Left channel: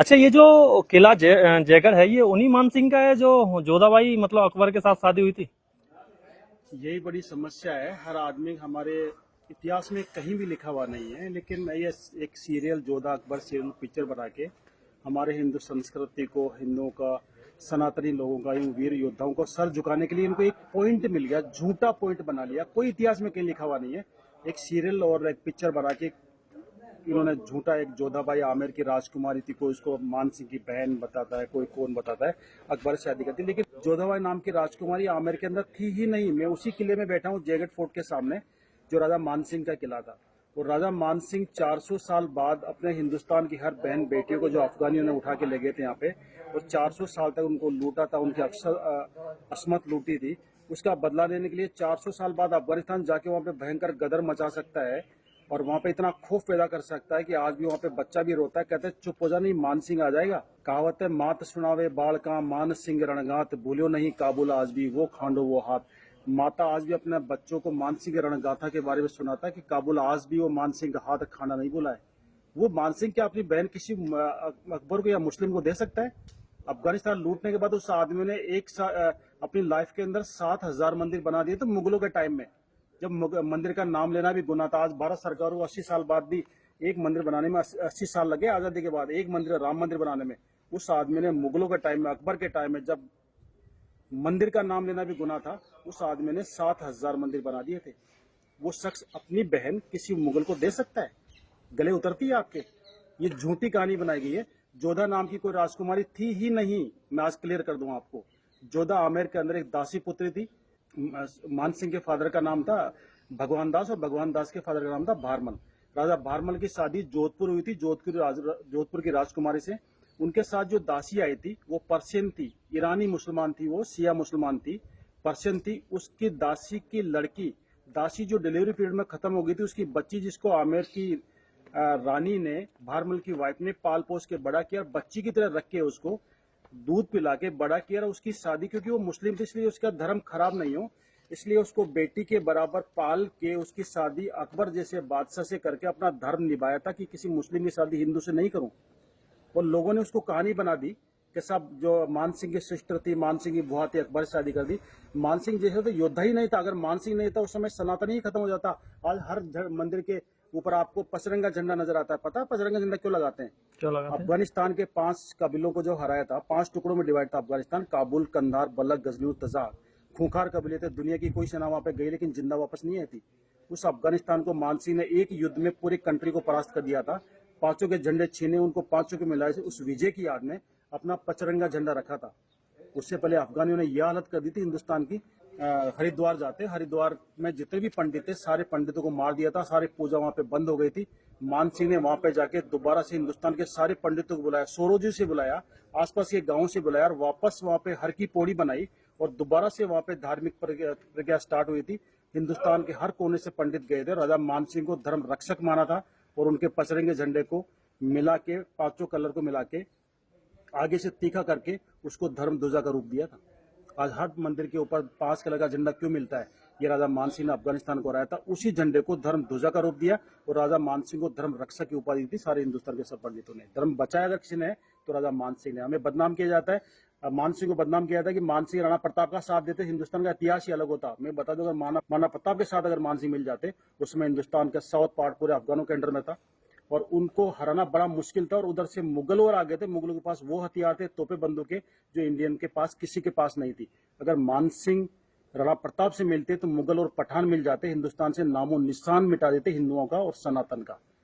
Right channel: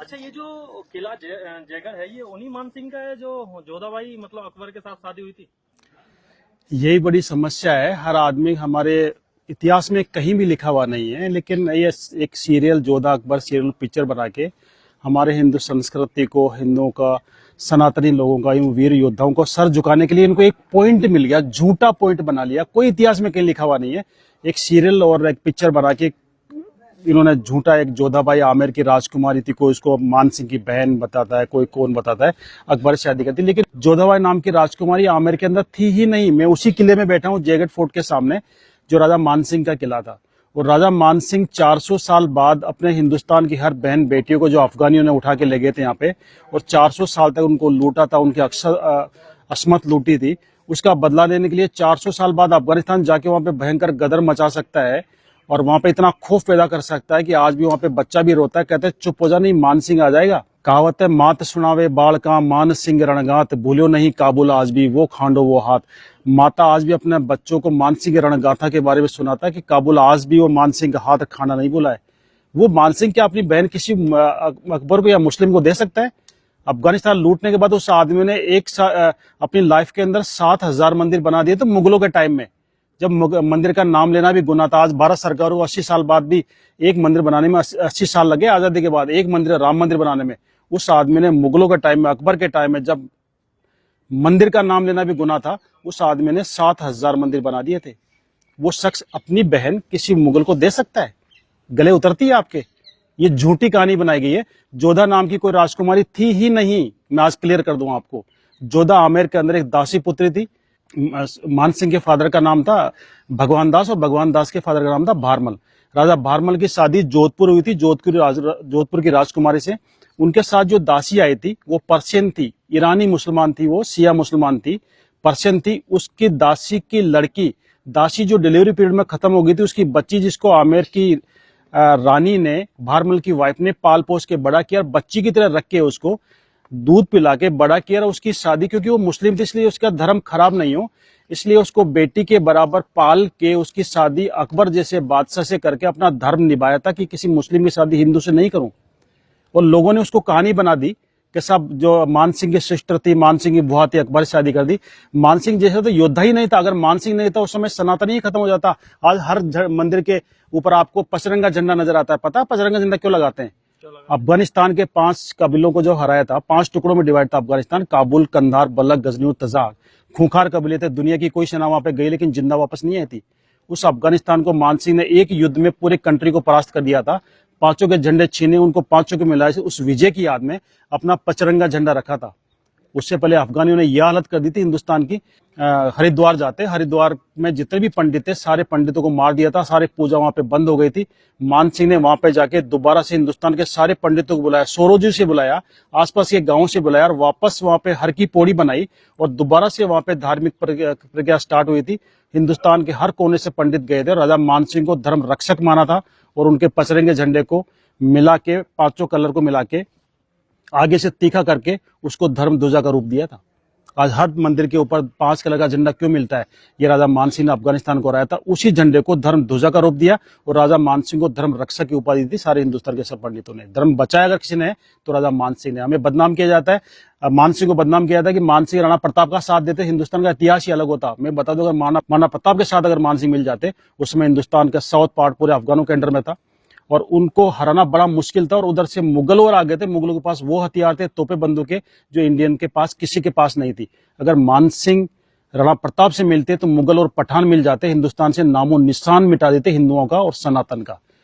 अच्छा, ये जो किला जयगढ़ है, ये उन्हीं मान सिंह का है जो जोधाबाई मतलब अकबर के साथ शादी हुई थी। यही बड़ी समस्या है। हर आदमी हमारे इतिहास में कहीं भी लिखा हुआ नहीं है, लेकिन ये एक serial Jodha Akbar serial picture बना के हमारे हिंदू संस्कृति को, हिंदुओं का, सनातनी लोगों का, इन वीर योद्धाओं को सर झुकाने के लिए इनको एक पॉइंट मिल गया, झूठा पॉइंट बना लिया। कोई इतिहास में कहीं लिखा हुआ नहीं है। एक सीरियल और एक पिक्चर बना के इन्होंने झूठा, एक जोधाबाई आमेर की राजकुमारी थी, कोई उसको मान सिंह की बहन बताता है, कोई कौन बताता है, अकबर से शादी करती। लेकिन जोधाबाई नाम की राजकुमारी आमेर के अंदर थी ही नहीं। मैं उसी किले में बैठा हूँ, जयगढ़ फोर्ट के सामने, जो राजा मान सिंह का किला था। और राजा मान सिंह 400 साल बाद अपने हिंदुस्तान की हर बहन बेटियों को, जो अफगानियों ने उठा के ले गए थे यहाँ पे, और 400 साल तक उनको लूटा था, उनकी असमत लूटी थी, उसका बदला लेने के लिए 400 साल बाद अफगानिस्तान जाके वहां पे भयंकर गदर मचा सकता है और वहां पे इतना खौफ पैदा कर सकता है कि आज भी वहां पे बच्चा भी रोता है, कहते हैं चुप हो जा, नहीं मान सिंह आ जाएगा। कहावत है, मात सुनावे बाल का मान सिंह रणगात, भूलो नहीं काबुल आज भी वो खांडो वो हाथ। माता आज भी अपने बच्चों को मान सिंह रणगाथा के बारे में सुनाता है कि काबुल आज भी वो मान सिंह का हाथ खाना नहीं भूला है। वो मान सिंह क्या अपनी बहन किसी अकबर को या मुस्लिम को दे सकता है? अफगानिस्तान लूटने के बाद उस आदमी ने अपनी लाइफ के अंदर 7,000 मंदिर बना दिए। तो मुगलों के टाइम में जब मंदिर का नाम लेना भी गुनाह था, आज भारत सरकार को 80 साल बाद भी एक मंदिर बनाने में 80 साल लगे, आजादी के बाद एक मंदिर, राम मंदिर बनाने में। उस आदमी ने मुगलों के टाइम में, अकबर के टाइम में, जब मंदिर का नाम लेना भी गुनाह था, उस आदमी ने 7,000 मंदिर बना दिए थे। वो शख्स अपनी बहन किसी मुगल को दे सकता है? गले उतरती है आपके? ये झूठी कहानी बनाई गई है। जोधा नाम की कोई राजकुमारी थी ही नहीं। मैं आज क्लियर कर दूं आपको, जोधा आमेर के अंदर एक दासी पुत्री थी। मान सिंह के फादर का नाम था भगवान दास और भगवान दास के फादर का नाम था भारमल। राजा भारमल की शादी जोधपुर हुई थी, जोधपुर की राजकुमारी से। उनके साथ जो दासी आई थी वो पर्शियन थी, ईरानी मुसलमान थी, वो शिया मुसलमान थी, पर्शियन थी। उसकी दासी की लड़की, दासी जो डिलीवरी पीरियड में खत्म हो गई थी, उसकी बच्ची, जिसको आमेर की रानी ने, भारमल की वाइफ ने पाल पोस के बड़ा किया, बच्ची की तरह रख के उसको दूध पिला के बड़ा किया। उसकी शादी, क्योंकि वो मुस्लिम थी इसलिए उसका धर्म खराब नहीं हो, इसलिए उसको बेटी के बराबर पाल के उसकी शादी अकबर जैसे बादशाह से करके अपना धर्म निभाया था कि किसी मुस्लिम की शादी हिंदू से नहीं करूं। और लोगों ने उसको कहानी बना दी कि सब जो मान सिंह की सिस्टर थी, मान सिंह की बुआ थी, अकबर से शादी कर दी। मान सिंह जैसा तो योद्धा ही नहीं था। अगर मान सिंह नहीं था उस समय सनातन ही खत्म हो जाता। आज हर मंदिर के ऊपर आपको पचरंगा झंडा नजर आता है। पता है पचरंगा झंडा क्यों लगाते हैं? अफगानिस्तान के 5 कबीलों को जो हराया था, 5 टुकड़ों में डिवाइड था अफगानिस्तान, काबुल, कंधार, बलख, गजनी और तजाक। खूंखार कबीले थे। दुनिया की कोई सेना वहां पे गई लेकिन जिंदा वापस नहीं आई थी। उस अफगानिस्तान को मान सिंह ने एक युद्ध में पूरे कंट्री को परास्त कर दिया था। 5 के झंडे छीने, उनको 5 के मिलाए, उस विजय की याद में अपना पचरंगा झंडा रखा था। उससे पहले अफगानियों ने यह हालत कर दी थी हिंदुस्तान की। हरिद्वार जाते, हरिद्वार में जितने भी पंडित थे सारे पंडितों को मार दिया था, सारी पूजा वहां पे बंद हो गई थी। मान सिंह ने वहां पे जाके दोबारा से हिंदुस्तान के सारे पंडितों को बुलाया, सोरोजी से बुलाया, आसपास के गांवों से बुलाया, और वापस वहां पे हर की पौड़ी बनाई और दोबारा से वहां पे धार्मिक प्रक्रिया स्टार्ट हुई थी। हिंदुस्तान के हर कोने से पंडित गए थे। राजा मान सिंह को धर्म रक्षक माना था और उनके पचरंगे झंडे को मिला के, 5 कलर को मिला के आगे से तीखा करके उसको धर्म ध्वजा का रूप दिया था। आज हर मंदिर के ऊपर 5 कलर का झंडा क्यों मिलता है? ये राजा मान सिंह ने अफगानिस्तान को हराया था, उसी झंडे को धर्म ध्वजा का रूप दिया और राजा मान सिंह को धर्म रक्षक की उपाधि दी। सारे हिंदुस्तान के सब पंडितों ने धर्म बचाया अगर किसी ने तो राजा मान सिंह ने। हमें बदनाम किया जाता है, मान सिंह को बदनाम किया जाता है कि मान सिंह राणा प्रताप का साथ देते, हिंदुस्तान का इतिहास ही अलग होता। मैं बता दूं, अगर राणा प्रताप के साथ अगर मान सिंह मिल जाते, उसमें हिंदुस्तान का साउथ पार्ट पूरे अफगानों के अंडर में था और उनको हराना बड़ा मुश्किल था। और उधर से मुगल और आ गए थे। मुगलों के पास वो हथियार थे, तोपे बंदूकें, जो इंडियन के पास किसी के पास नहीं थी। अगर मान सिंह राणा प्रताप से मिलते तो मुगल और पठान मिल जाते, हिंदुस्तान से नामो निशान मिटा देते हिंदुओं का और सनातन का।